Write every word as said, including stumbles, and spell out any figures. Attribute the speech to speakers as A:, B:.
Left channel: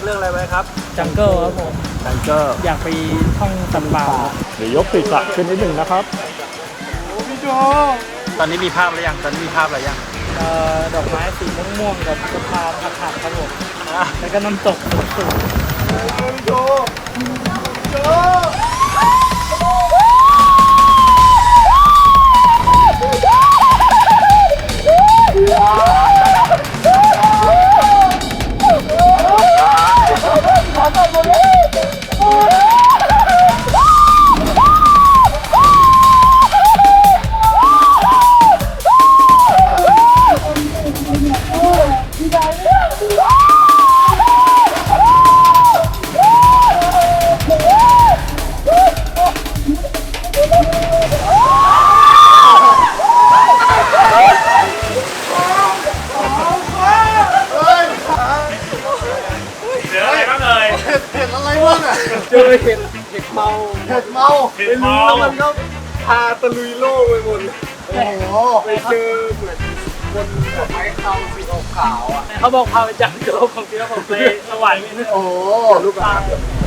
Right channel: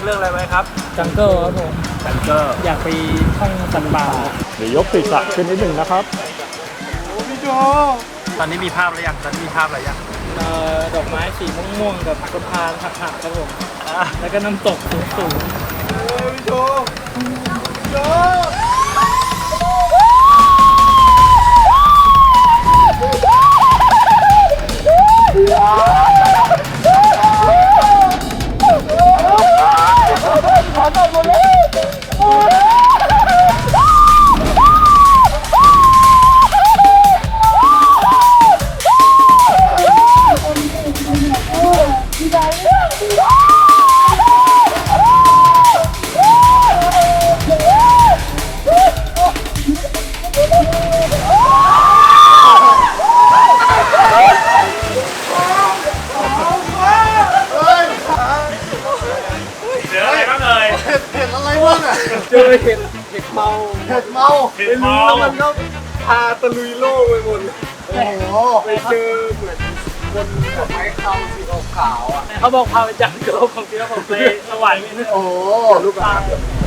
A: เรื่องอะไรไว้ครับ
B: จังเกิลครับผม
A: จังเกิล
B: อยากไปท่องสัตว์ป่า
A: เดี๋ยวยกศีรษะขึ้นนิดหนึ่งนะครับโอ้พี่โจตอนนี้มีภาพอะไรยังตอนนี้มีภาพอะไรยัง
B: เอ่อดอกไม้สีม่วงๆกับสะพานหักๆครับผมแล้วก็น้ำตกสูงๆโอ้พี่โจพี่โจเจอเห็ดเห็ดเมาเห็ดเมาเห็ดเมาแล้วมันก็พาตะลุยโลกไปหมดโอ้โหไปเจอเหมือนคนแบบไม้คำสีขาวอ่ะเขาบอกพาไปจับโจของเจ้าของไปสวรรค์โอ้ลูกหลาน